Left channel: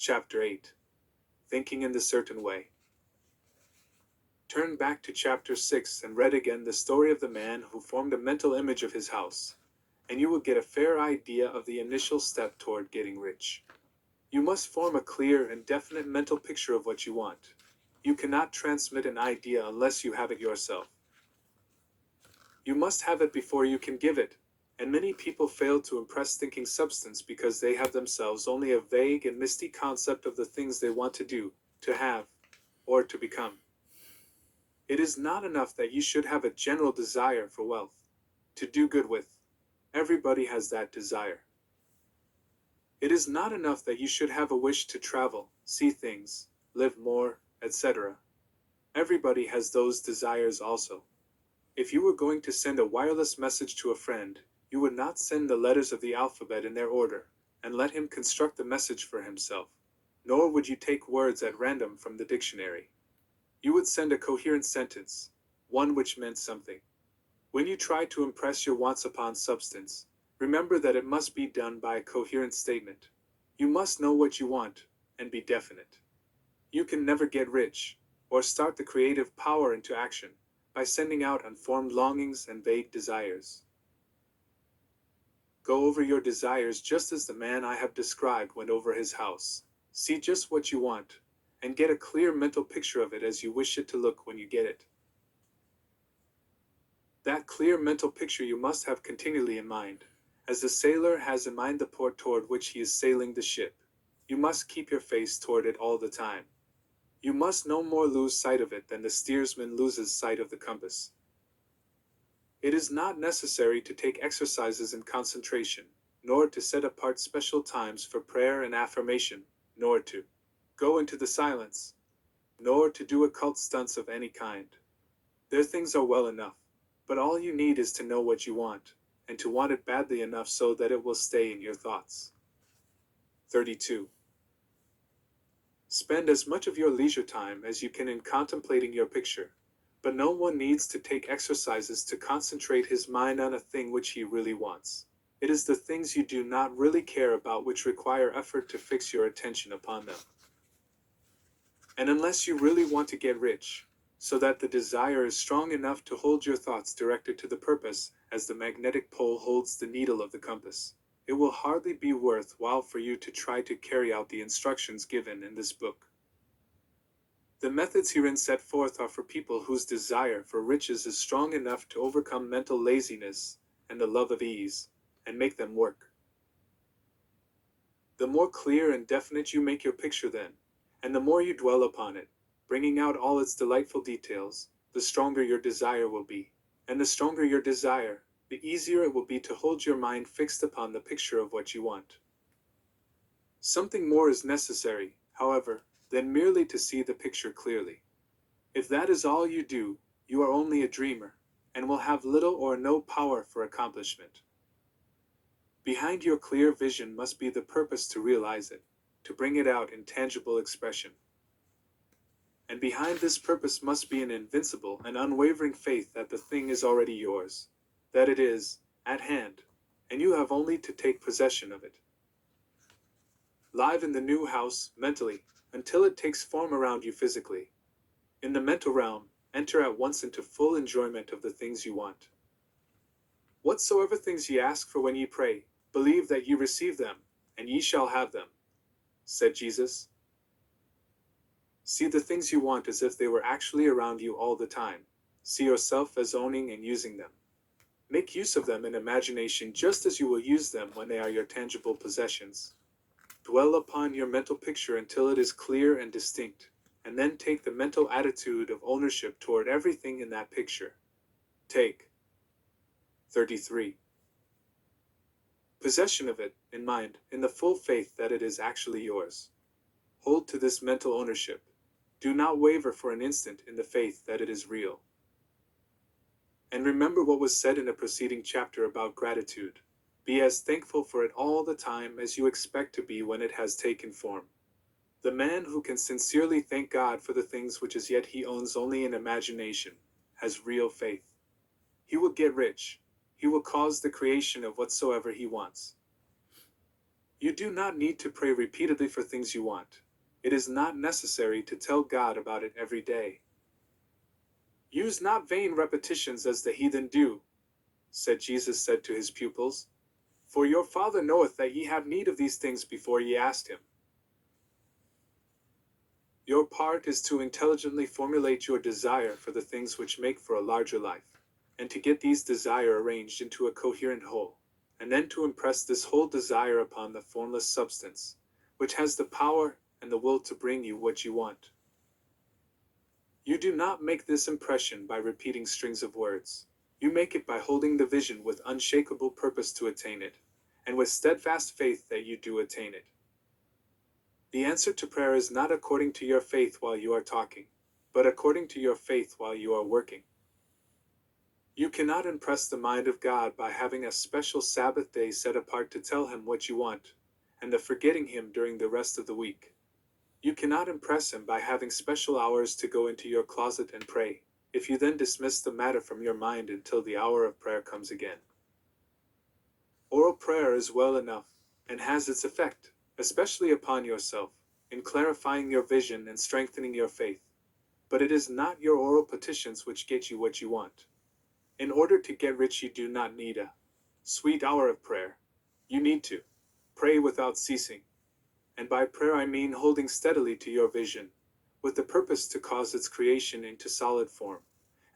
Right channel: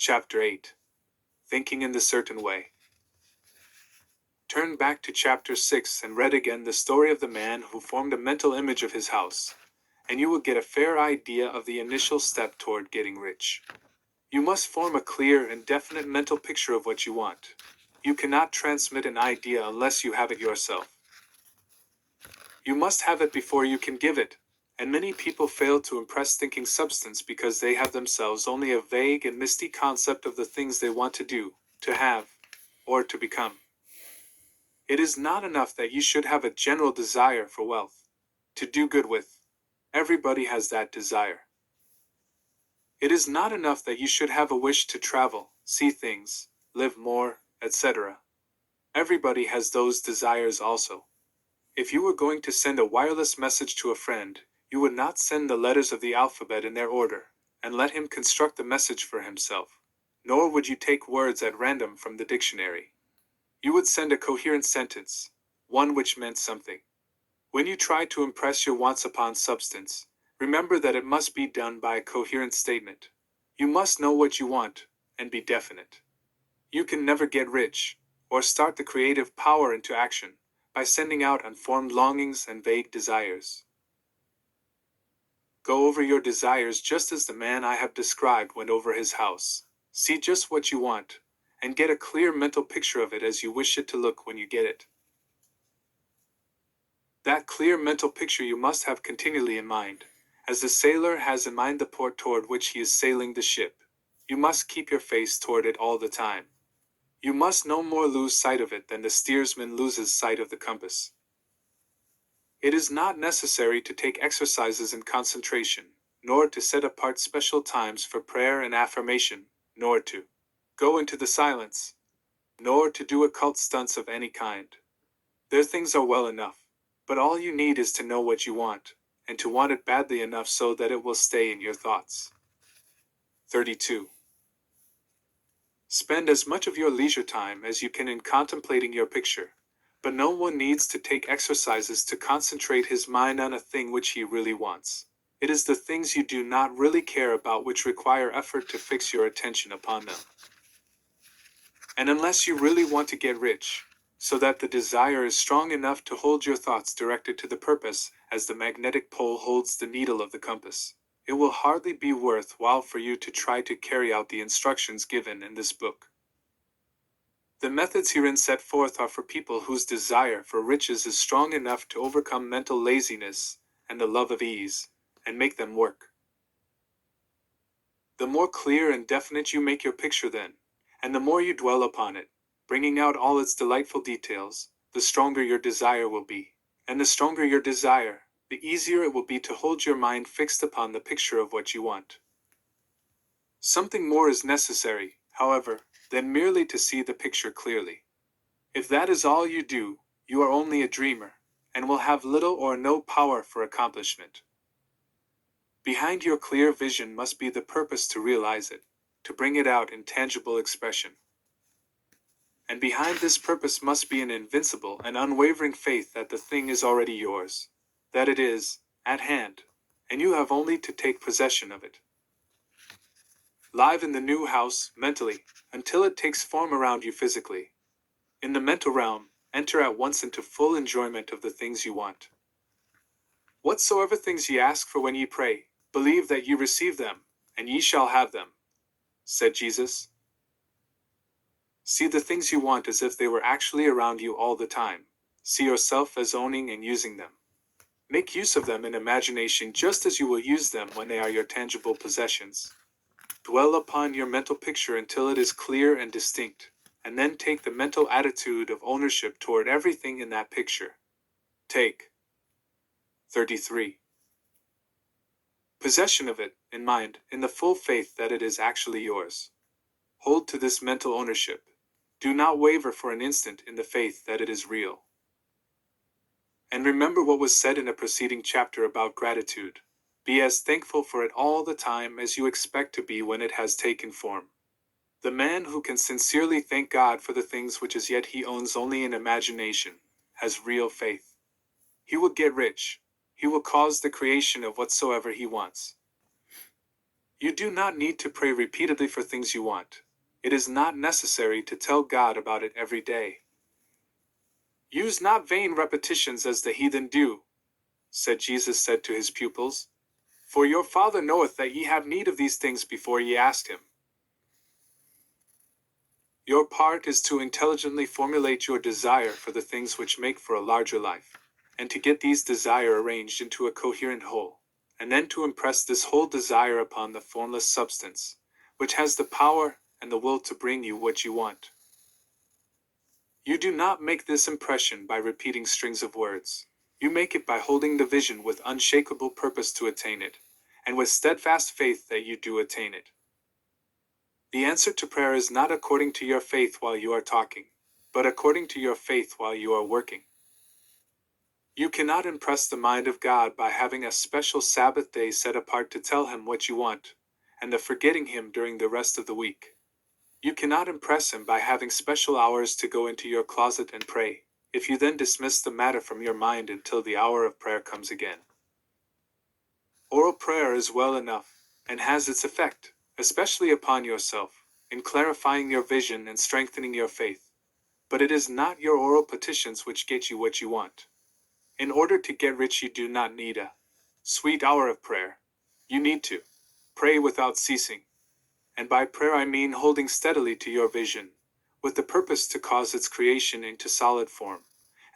Chapter 8. Thinking in the Certain Way. Turn back to Chapter 6 and read again the story of the man who formed a mental image of his house, and you will get a fair idea of the initial step toward getting rich. You must form a clear and definite mental picture of what you want. You cannot transmit an idea unless you have it yourself. You must have it before you can give it, and many people fail to impress thinking substance because they have themselves only a vague and misty concept of the things they want to do, to have, or to become. It is not enough that you should have a general desire for wealth, to do good with. Everybody has that desire. It is not enough that you should have a wish to travel, see things, live more, etc. Everybody has those desires also. If you were going to send a wireless message to a friend, you would not send the letters of the alphabet in their order, and let him construct the message for himself, nor would you take words at random from the dictionary. You would send a coherent sentence, one which meant something. When you try to impress your wants upon substance, remember that it must be done by a coherent statement. You must know what you want, and be definite. You can never get rich, or start the creative power into action, by sending out unformed longings and vague desires. Go over your desires just as the man I have described went over his house. See just what you want, and get a clear mental picture of it as you wish it to look when you get it. That clear mental picture you must have continually in mind, as the sailor has in mind the port toward which he is sailing the ship. You must keep your face toward it all the time. You must no more lose sight of it than the steersman loses sight of the compass. It is not necessary to take exercises in concentration, nor to set apart special times for prayer and affirmation, nor to go into the silence, nor to do occult stunts of any kind. Their things are well enough, but all you need is to know what you want, and to want it badly enough so that it will stay in your thoughts. 32. Spend as much of your leisure time as you can in contemplating your picture, but no one needs to take exercises to concentrate his mind on a thing which he really wants. It is the things you do not really care about which require effort to fix your attention upon them. And unless you really want to get rich, so that the desire is strong enough to hold your thoughts directed to the purpose, as the magnetic pole holds the needle of the compass, it will hardly be worth while for you to try to carry out the instructions given in this book. The methods herein set forth are for people whose desire for riches is strong enough to overcome mental laziness and the love of ease, and make them work. The more clear and definite you make your picture then, and the more you dwell upon it, bringing out all its delightful details, the stronger your desire will be. And the stronger your desire, the easier it will be to hold your mind fixed upon the picture of what you want. Something more is necessary, however, than merely to see the picture clearly. If that is all you do, you are only a dreamer, and will have little or no power for accomplishment. Behind your clear vision must be the purpose to realize it, to bring it out in tangible expression. And behind this purpose must be an invincible and unwavering faith that the thing is already yours, that it is at hand, and you have only to take possession of it. Live in the new house, mentally, until it takes form around you physically. In the mental realm, enter at once into full enjoyment of the things you want. Whatsoever things ye ask for when ye pray, believe that ye receive them, and ye shall have them, said Jesus. See the things you want as if they were actually around you all the time. See yourself as owning and using them. Make use of them in imagination just as you will use them when they are your tangible possessions. Dwell upon your mental picture until it is clear and distinct, and then take the mental attitude of ownership toward everything in that picture. Take 33. Possession of it, in mind, in the full faith that it is actually yours. Hold to this mental ownership. Do not waver for an instant in the faith that it is real. And remember what was said in a preceding chapter about gratitude. Be as thankful for it all the time as you expect to be when it has taken form. The man who can sincerely thank God for the things which as yet he owns only in imagination, has real faith. He will get rich. He will cause the creation of whatsoever he wants. You do not need to pray repeatedly for things you want. It is not necessary to tell God about it every day. Use not vain repetitions as the heathen do, Jesus said to his pupils, for your Father knoweth that ye have need of these things before ye ask him. Your part is to intelligently formulate your desire for the things which make for a larger life, and to get these desire arranged into a coherent whole, and then to impress this whole desire upon the formless substance, which has the power and the will to bring you what you want. You do not make this impression by repeating strings of words. You make it by holding the vision with unshakable purpose to attain it, and with steadfast faith that you do attain it. The answer to prayer is not according to your faith while you are talking, but according to your faith while you are working. You cannot impress the mind of God by having a special Sabbath day set apart to tell him what you want, and the forgetting him during the rest of the week. You cannot impress him by having special hours to go into your closet and pray, if you then dismiss the matter from your mind until the hour of prayer comes again. Oral prayer is well enough, and has its effect, especially upon yourself, in clarifying your vision and strengthening your faith. But it is not your oral petitions which get you what you want. In order to get rich, you do not need a sweet hour of prayer. You need to pray without ceasing. And by prayer I mean holding steadily to your vision, with the purpose to cause its creation into solid form,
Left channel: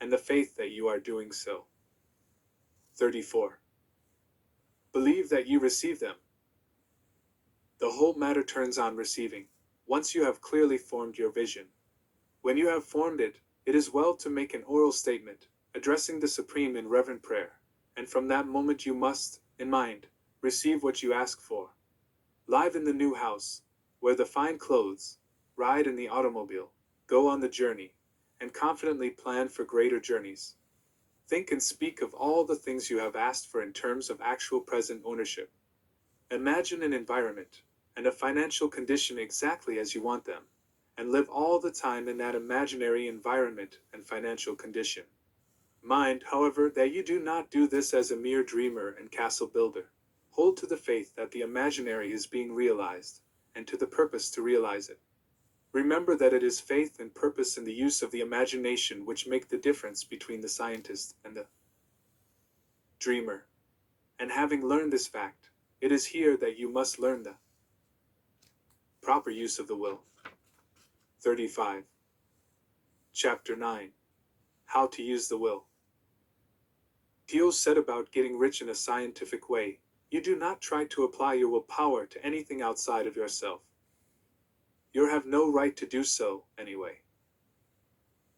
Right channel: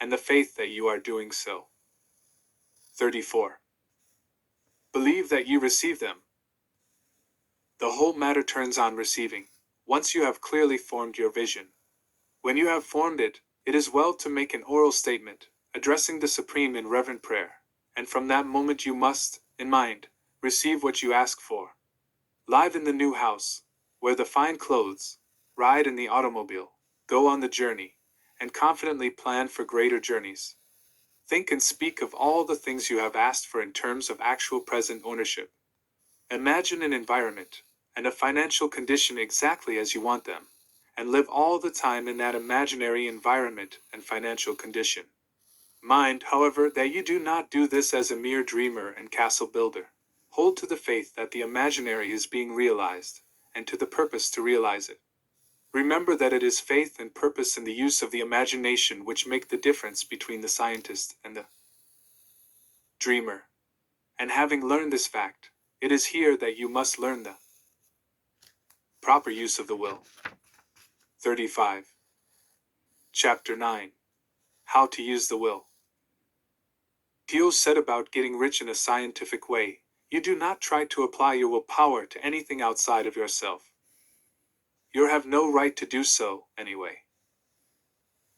and the faith that you are doing so. 34. Believe that you receive them. The whole matter turns on receiving, once you have clearly formed your vision. When you have formed it, it is well to make an oral statement, addressing the Supreme in reverent prayer, and from that moment you must, in mind, receive what you ask for. Live in the new house, wear the fine clothes, ride in the automobile, go on the journey, and confidently plan for greater journeys. Think and speak of all the things you have asked for in terms of actual present ownership. Imagine an environment and a financial condition exactly as you want them, and live all the time in that imaginary environment and financial condition. Mind, however, that you do not do this as a mere dreamer and castle builder. Hold to the faith that the imaginary is being realized, and to the purpose to realize it. Remember that it is faith and purpose in the use of the imagination which make the difference between the scientist and the dreamer. And having learned this fact, it is here that you must learn the proper use of the will. 35. Chapter 9. How to use the will. Theo said about getting rich in a scientific way. You do not try to apply your willpower to anything outside of yourself. You have no right to do so, anyway.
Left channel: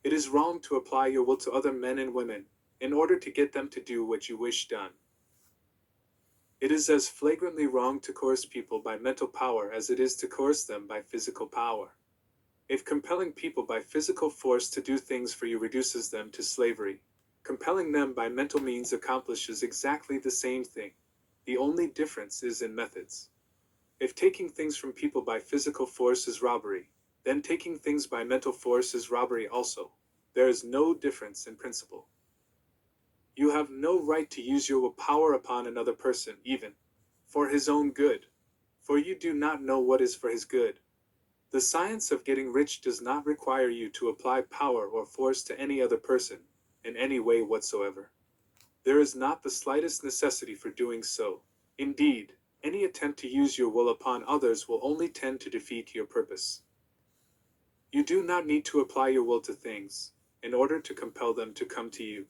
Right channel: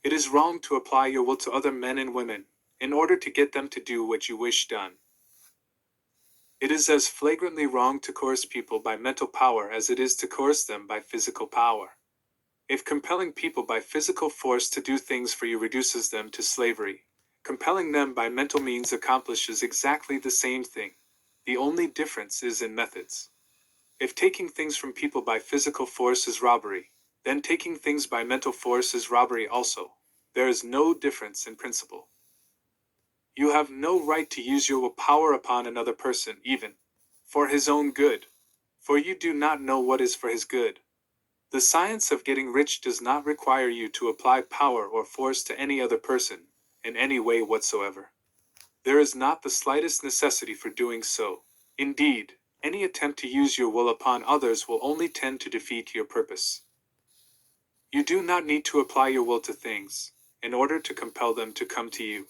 It is wrong to apply your will to other men and women, in order to get them to do what you wish done. It is as flagrantly wrong to coerce people by mental power as it is to coerce them by physical power. If compelling people by physical force to do things for you reduces them to slavery, compelling them by mental means accomplishes exactly the same thing. The only difference is in methods. If taking things from people by physical force is robbery, then taking things by mental force is robbery also. There is no difference in principle. You have no right to use your power upon another person, even for his own good, for you do not know what is for his good. The science of getting rich does not require you to apply power or force to any other person, in any way whatsoever. There is not the slightest necessity for doing so. Indeed, any attempt to use your will upon others will only tend to defeat your purpose. You do not need to apply your will to things, in order to compel them to come to you.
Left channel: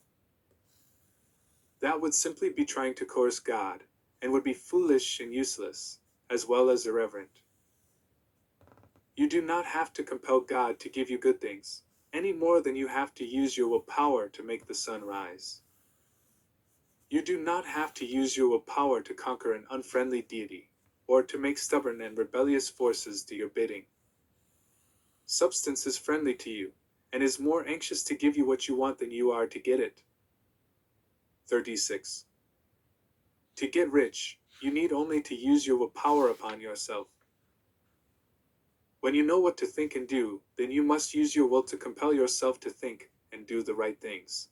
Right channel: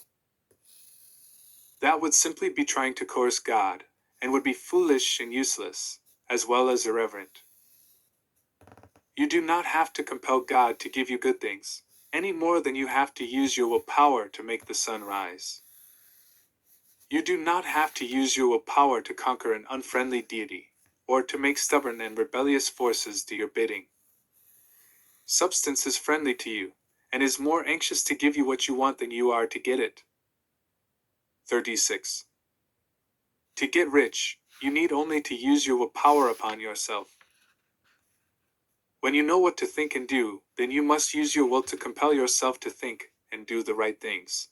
That would simply be trying to coerce God, and would be foolish and useless, as well as irreverent. You do not have to compel God to give you good things, any more than you have to use your willpower to make the sun rise. You do not have to use your willpower to conquer an unfriendly deity, or to make stubborn and rebellious forces do your bidding. Substance is friendly to you, and is more anxious to give you what you want than you are to get it. 36. To get rich, you need only to use your willpower upon yourself. When you know what to think and do, then you must use your will to compel yourself to think and do the right things.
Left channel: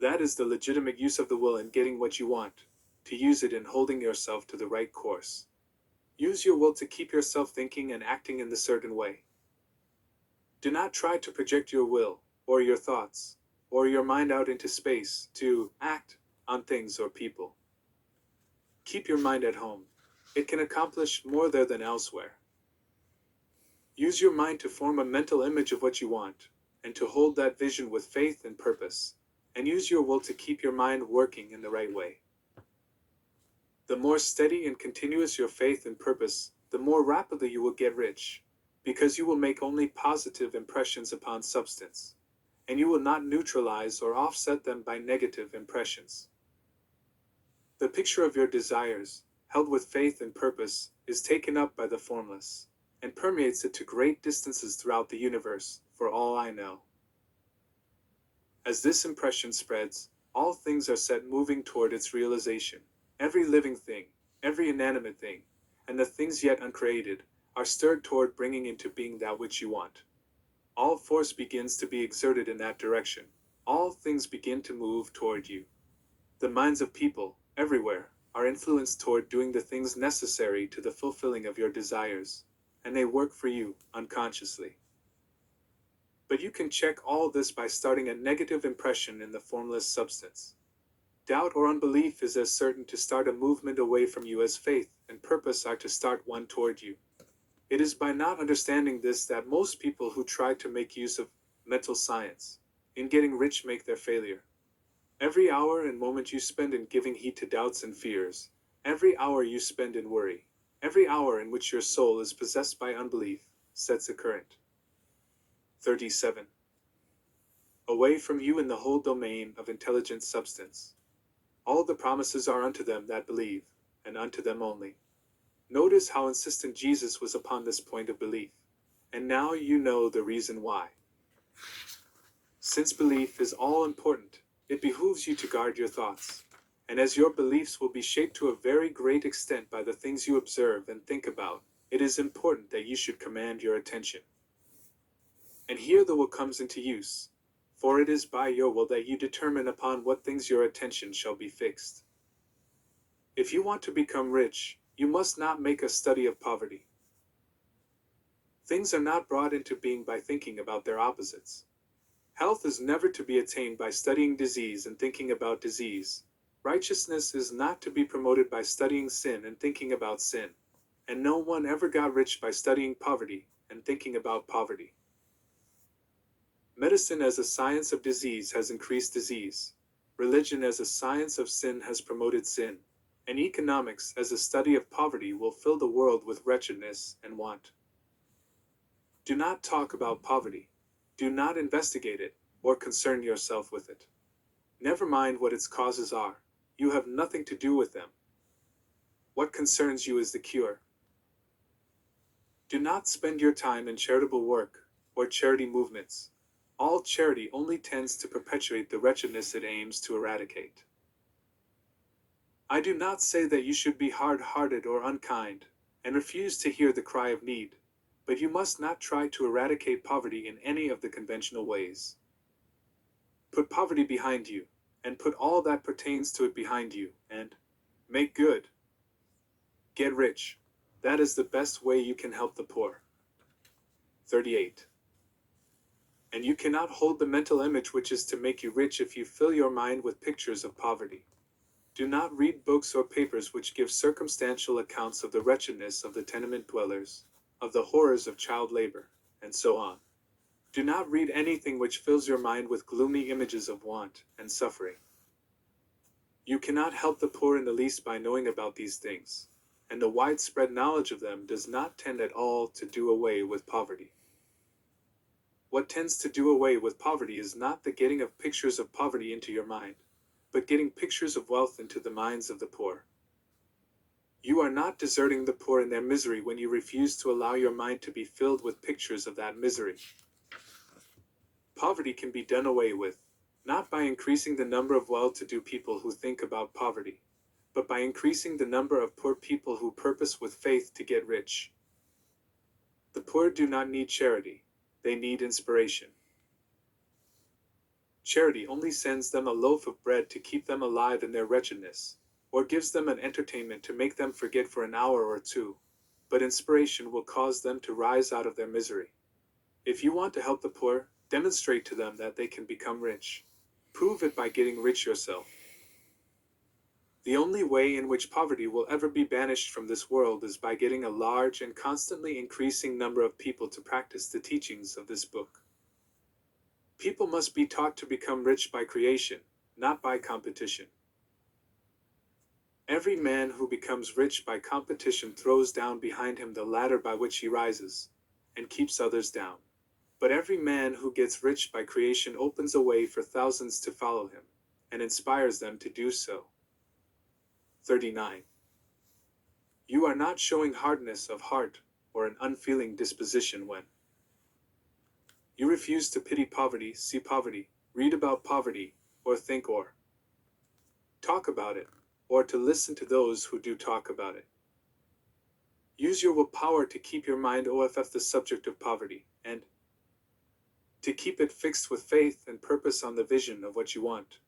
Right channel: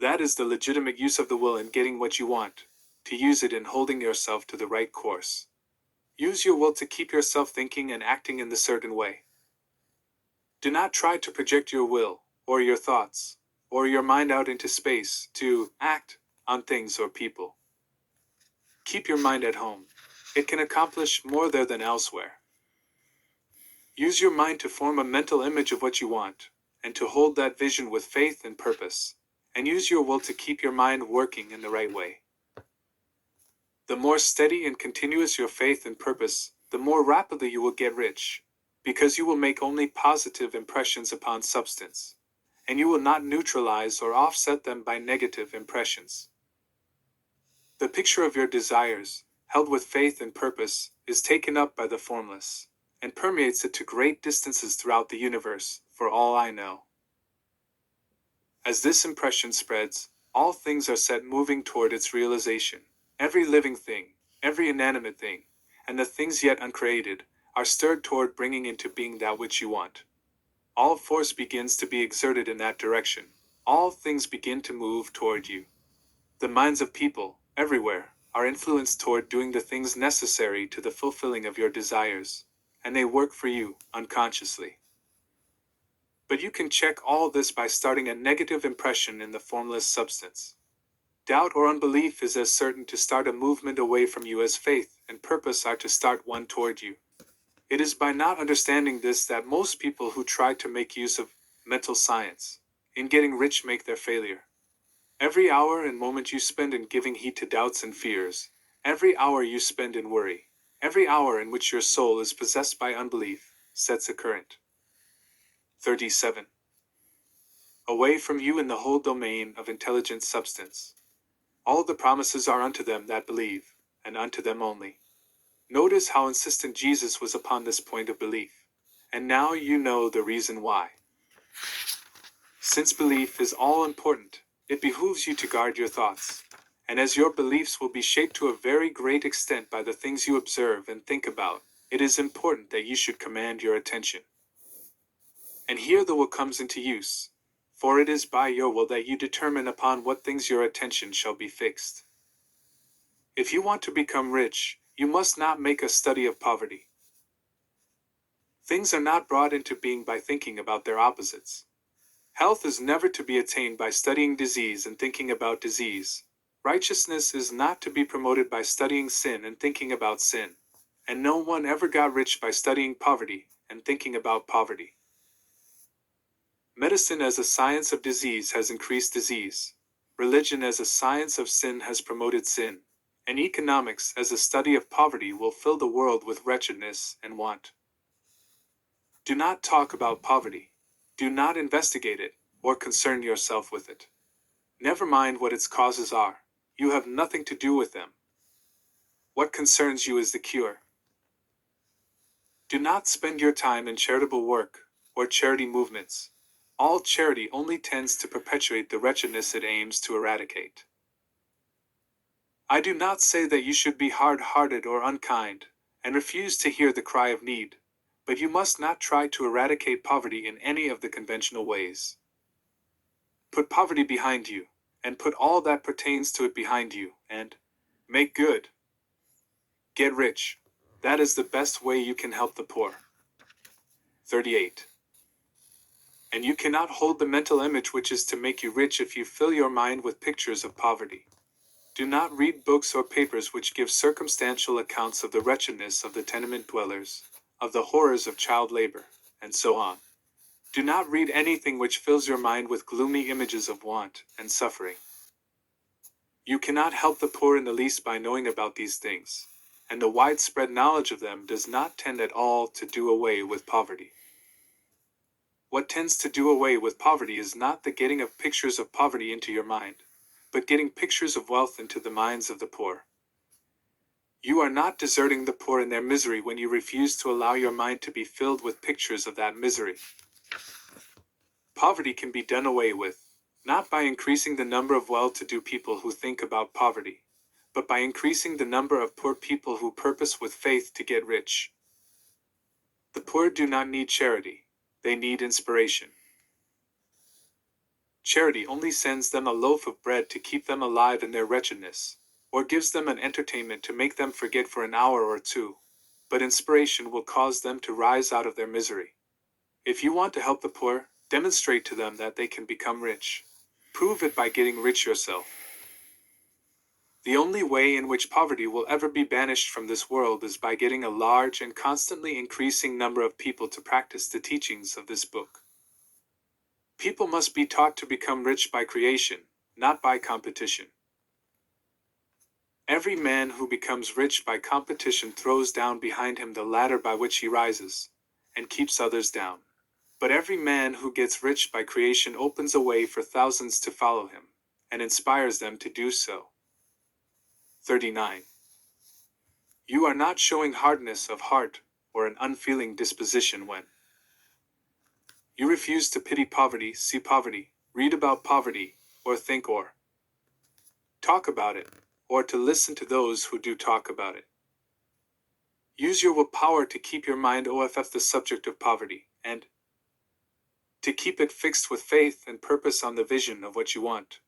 That is the legitimate use of the will in getting what you want, to use it in holding yourself to the right course. Use your will to keep yourself thinking and acting in the certain way. Do not try to project your will, or your thoughts, or your mind out into space to act on things or people. Keep your mind at home. It can accomplish more there than elsewhere. Use your mind to form a mental image of what you want, and to hold that vision with faith and purpose, and use your will to keep your mind working in the right way. The more steady and continuous your faith and purpose, the more rapidly you will get rich, because you will make only positive impressions upon substance, and you will not neutralize or offset them by negative impressions. The picture of your desires, held with faith and purpose, is taken up by the formless, and permeates it to great distances throughout the universe, for all I know. As this impression spreads, all things are set moving toward its realization. Every living thing, every inanimate thing, and the things yet uncreated, are stirred toward bringing into being that which you want. All force begins to be exerted in that direction. All things begin to move toward you. The minds of people, everywhere, are influenced toward doing the things necessary to the fulfilling of your desires, and they work for you, unconsciously. But you can check all this by starting a negative impression in the formless substance. Doubt or unbelief is as certain to start a movement away from you as faith and purpose are to start one toward you. It is by not understanding this that most people who try to make use of mental science in getting rich make their failure. Every hour and moment you spend in giving heed to doubts and fears, every hour you spend in worry, every hour in which your soul is possessed by unbelief, sets a current. 37. Away from you in the whole domain of intelligent substance. All the promises are unto them that believe, and unto them only. Notice how insistent Jesus was upon this point of belief, and now you know the reason why. Since belief is all important, it behooves you to guard your thoughts, and as your beliefs will be shaped to a very great extent by the things you observe and think about, it is important that you should command your attention. And here the will comes into use, for it is by your will that you determine upon what things your attention shall be fixed. If you want to become rich, you must not make a study of poverty. Things are not brought into being by thinking about their opposites. Health is never to be attained by studying disease and thinking about disease. Righteousness is not to be promoted by studying sin and thinking about sin. And no one ever got rich by studying poverty and thinking about poverty. Medicine as a science of disease has increased disease. Religion as a science of sin has promoted sin. And economics as a study of poverty will fill the world with wretchedness and want. Do not talk about poverty. Do not investigate it, or concern yourself with it. Never mind what its causes are. You have nothing to do with them. What concerns you is the cure. Do not spend your time in charitable work, or charity movements. All charity only tends to perpetuate the wretchedness it aims to eradicate. I do not say that you should be hard-hearted or unkind, and refuse to hear the cry of need, but you must not try to eradicate poverty in any of the conventional ways. Put poverty behind you, and put all that pertains to it behind you, and make good. Get rich. That is the best way you can help the poor. 38. And you cannot hold the mental image which is to make you rich if you fill your mind with pictures of poverty. Do not read books or papers which give circumstantial accounts of the wretchedness of the tenement dwellers, of the horrors of child labor, and so on. Do not read anything which fills your mind with gloomy images of want and suffering. You cannot help the poor in the least by knowing about these things, and the widespread knowledge of them does not tend at all to do away with poverty. What tends to do away with poverty is not the getting of pictures of poverty into your mind, but getting pictures of wealth into the minds of the poor. You are not deserting the poor in their misery when you refuse to allow your mind to be filled with pictures of that misery. Poverty can be done away with, not by increasing the number of well-to-do people who think about poverty, but by increasing the number of poor people who purpose with faith to get rich. The poor do not need charity, they need inspiration. Charity only sends them a loaf of bread to keep them alive in their wretchedness, or gives them an entertainment to make them forget for an hour or two, but inspiration will cause them to rise out of their misery. If you want to help the poor, demonstrate to them that they can become rich. Prove it by getting rich yourself. The only way in which poverty will ever be banished from this world is by getting a large and constantly increasing number of people to practice the teachings of this book. People must be taught to become rich by creation, not by competition. Every man who becomes rich by competition throws down behind him the ladder by which he rises, and keeps others down. But every man who gets rich by creation opens a way for thousands to follow him, and inspires them to do so. 39. You are not showing hardness of heart or an unfeeling disposition when you refuse to pity poverty, see poverty, read about poverty, or think or talk about it, or to listen to those who do talk about it. Use your willpower to keep your mind off the subject of poverty, and to keep it fixed with faith and purpose on the vision of what you want.